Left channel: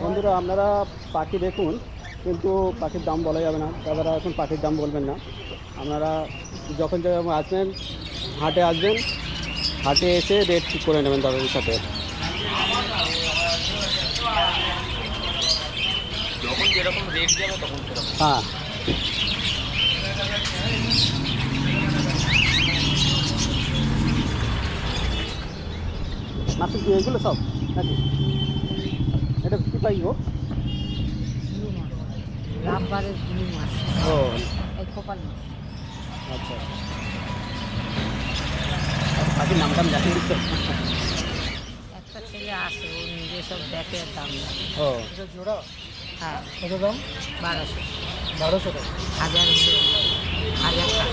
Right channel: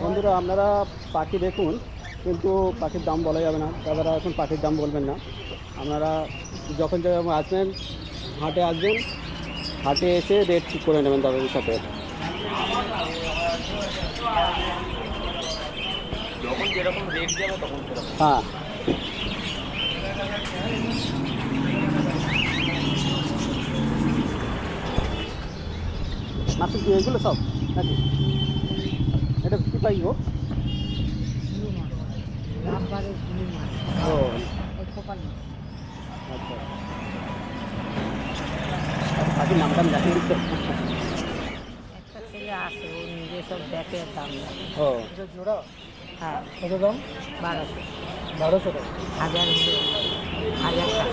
বন্ধুরা আপনারা পাখি দেখুন, কিন্তু পাখির দাম বলা যাবে না, দাদারা এখন পাখির দাম বলবেন না। আপনারা যখন যখন আসবেন হাটে আসবেন, হাটে এসে রেট ঠিক করে নেবেন দাদাদের সাথে। হ্যাঁ, মাছের কি এগুলো সব নাকি? এটা কী পাই গো? ও আচ্ছা, পাখির নাম টাম দেখেন দিচ্ছে। একটা ছেলে আছে, ও নিজে সব দেখে দাম। ও জোড়া? হ্যাঁ। কত দাম? 1200। 1200 টাকা। 1000 টাকা।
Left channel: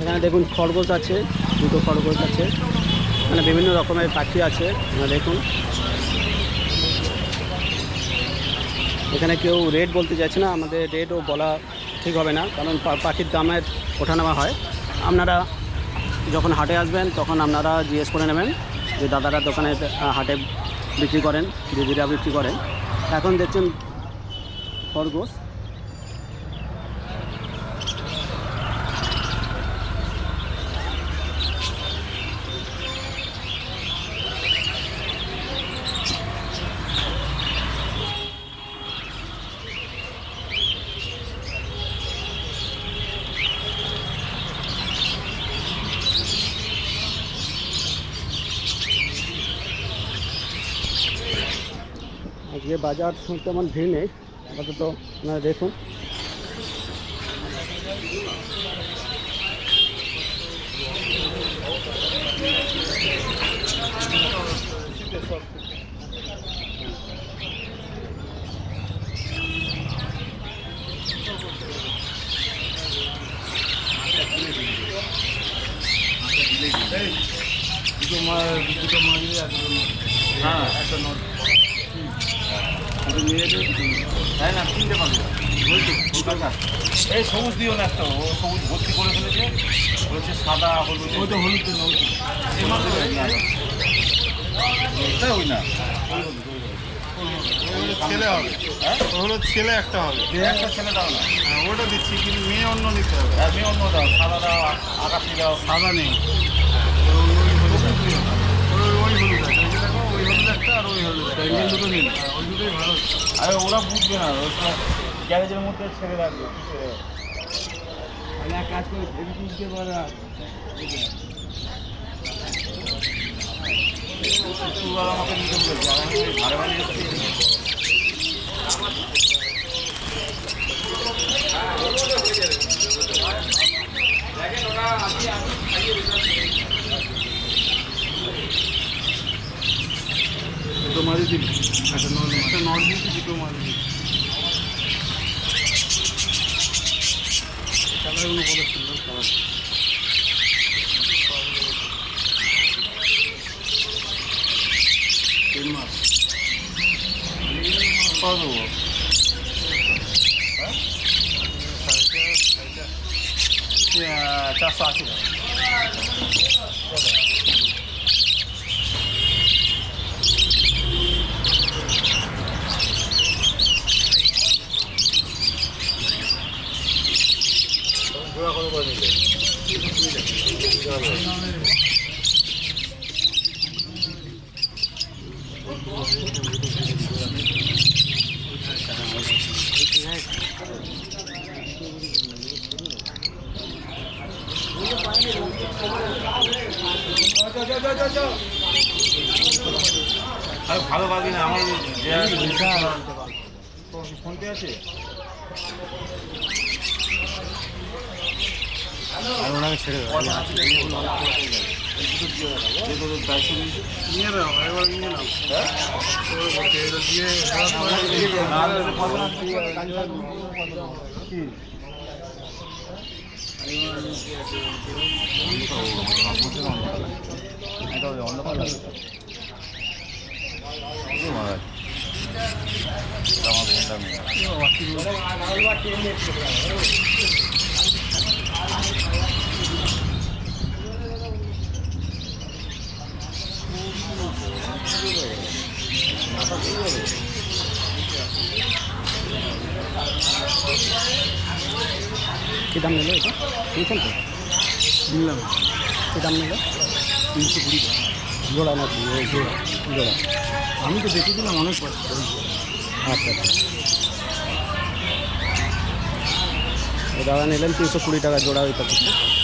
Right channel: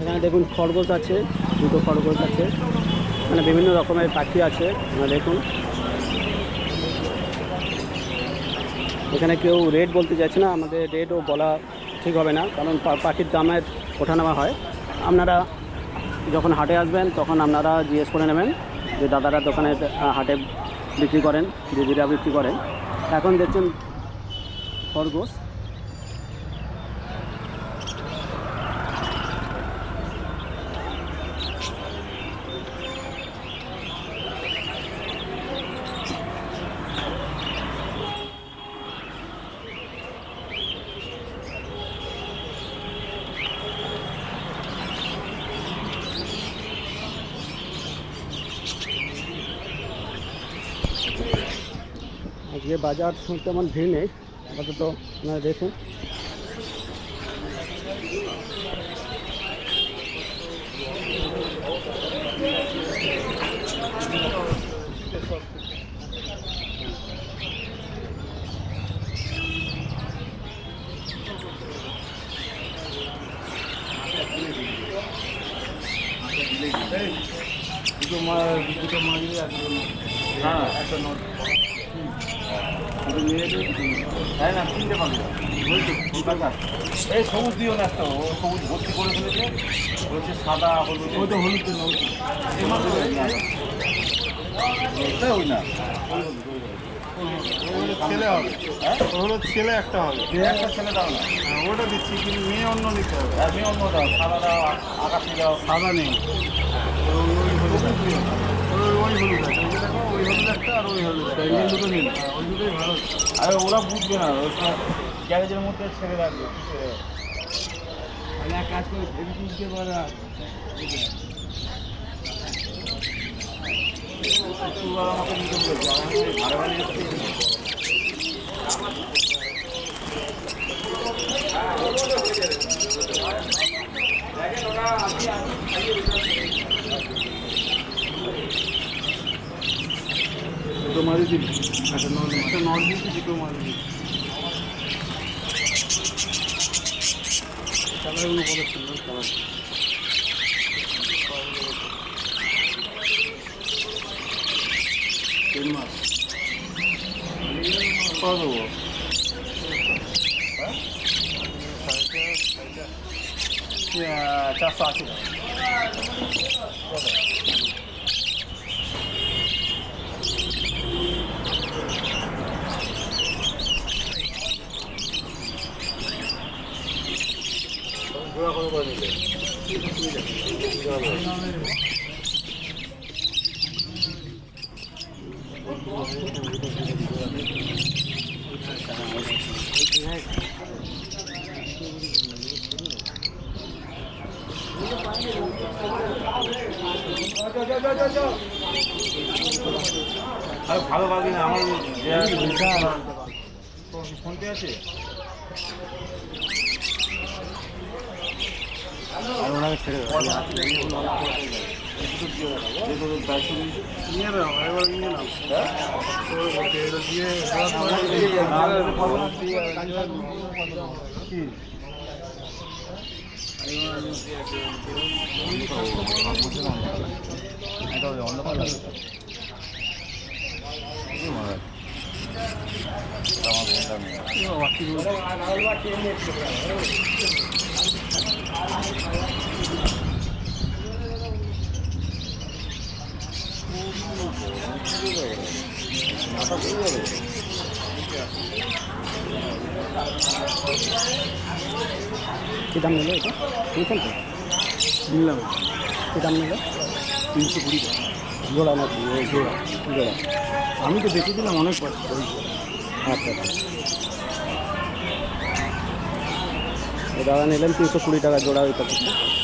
এখানে দেখুন খরগোশ আছে, দুটো খরগোশ আছে, মানে বিভিন্ন রকমের পাখি আছে। আপনারা দেখুন, এখানে কেউ রেট বলতে চাইছে না, আমাদের রেটও বলা ঠিক হবে না, কারণ পাখির দামের ওঠানামা হয়। আপনারা যখন হাটে আসবেন তখন আপনারা জিজ্ঞেস করে নেবেন যে দাদারা দোকানে হাটে বিক্রি করেন, দিদিরা বিক্রি করেন। এখন দেখছেন খরগোশ। আজকে বাজার তেমন ভিড় নেই আপাতত, আপনারা দেখুন। তাই না, কিনতে পারবে এই সবুজ দিও না, একটা ও সবুজ ভর্তি করে ফেলেছে, বলছে সাদা হলুদ। ওই তো হলুদ ওই না ছেলে হবে, হলো ছেলে একটা হবে, একটা ছেলে দাও না। হ্যাঁ ওটা দিচ্ছি, কিন্তু মেয়ে অন্য নিতে হবে। আমি অন্য দাও, সাদা দাও, আকাশি দাও। সাদা নেই, ওই হলুদ আছে, ওই হলুদ আছে, ওই যে দেখো ওই হলুদ একটা আর ওই হলুদ একটা, এই দুটো নিন। হ্যাঁ ওই দুটোই ভালো। আরে ওরা বুঝবে না, ওরা গ্যারেজের মধ্যে ছেড়ে রাখবে। এক কাজ করে ভেবে তুলতে পারা আমাকে নিতে বলেছে, আমি ভাড়া বাড়ি এসেছি। দুটো মারি দিন, একটা নট দিয়েছি, দুটো মারি দিন। কালারগুলো কত সুন্দর কালার। মাছ পাওয়া দেবো 480 টাকা। জোড়া করে করে দিলে ভালো পাবি না। আমার ফোনপে আছে, ছেড়ে যে তোদের দায়িত্ব নিয়েছে। নিয়ে নাও, এবার নিয়ে নাও। ওর মধ্যে এটা দিয়ে দেওয়ার পরে না দিলে পাবে না, তুই কি? অন্ধকার লাগে আমার কী দাম নিল এটা নিয়েছেন তো নিলাম কী দাম নিল 320 টাকা জোড়া নাকি জোড়া। জোড়া আমি তো দেখেছিলাম অনেক বার। আচ্ছা আচ্ছা দাদা নিলেন 320 টাকা জোড়া ওই প্যাকেটটা।